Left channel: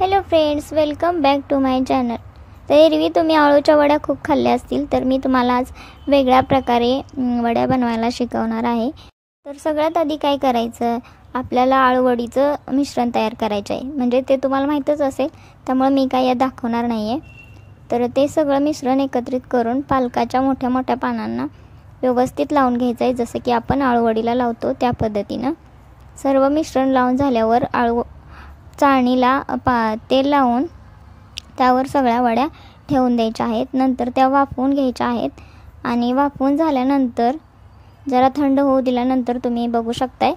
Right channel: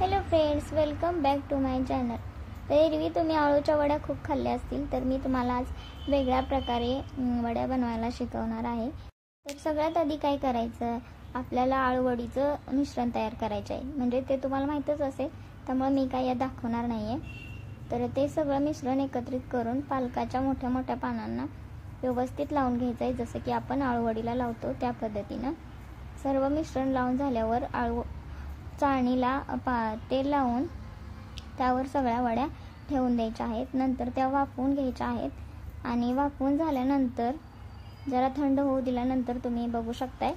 Hello friends, welcome back to my channel. तर एरवी तुम्ही आळूच्या वड्या खूप खाल्ल्या असतील, तर मी तुम्हाला आज वेगळ्या प्रकारे वड्या बनवायला शिकवणार आहे। तर सगळ्यात आधी काय करायचं, आपल्याला आळू वडीचं मिश्रण तयार करायचं आहे। म्हणजे ते तुम्हाला माहीतच असेल, त्यामुळे मी काय दाखवणार नाही आहे। तर ते सगळं मिश्रण एकत्रित करून पालकाच्या मोठ्या मोठ्या पानांना व्यवस्थित लावून घ्यायचं आहे, जसं की आपण आळू वडीला लावतो त्या पद्धतीनं। सर्व मिश्रण लावून झाल्यावर चाळणीला तेल लावून त्यावर सगळ्या वड्या ठेवून द्यायच्या आहेत। नंतर त्या वाफवून घ्यायच्या आहेत आणि वाफवून झाल्यानंतर जरा थंड होऊ दिल्यानंतर तुम्ही बघू शकताय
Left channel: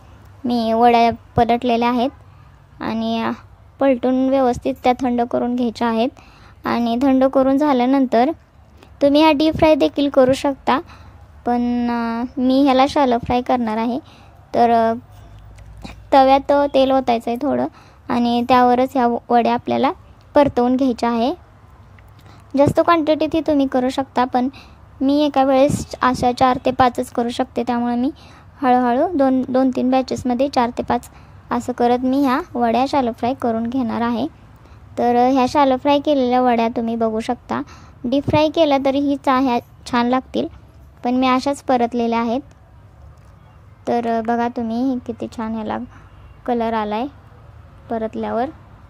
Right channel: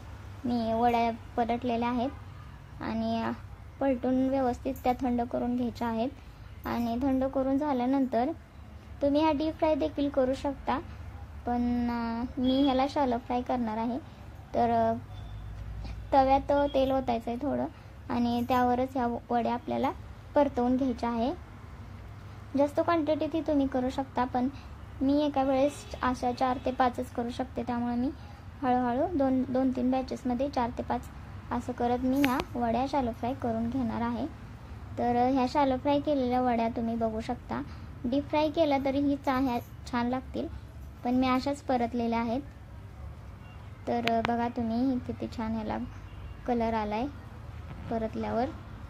मी वड्या पलटलेल्या आहेत आणि पलटून व्यवस्थित त्या थंड करून घ्यायच्या आहेत। आणि थंड करून झाल्यानंतर तुम्ही हा डीप फ्राय देखील करू शकता, पण मी ह्याला शॅलो फ्राय करणार आहे। तर तव्यात तेल ओतायचं आहे थोडं आणि त्यावरच ह्या वड्या आपल्याला परतवून घ्यायच्या आहे। जास्त क्वांटिटीत तुम्ही करू शकता, पण मी एका वेळेस अशा 4 ते 5च करू शकते, त्यामुळे मी हळूहळू 2-3 बॅचेसमध्ये 4 ते 5 असं करत मी ह्या वड्या शॅलो फ्राय करून घेणार आहे। तर ह्या शॅलो फ्राय केलेल्या वड्या तुम्ही बघू शकता, डीप फ्राय केल्या तरीही ह्या छान लागतील, पण मी अशाच परतलेल्या आहेत। तर बघा तुम्ही किती छान ह्याला कलर आलाय परतल्यावर।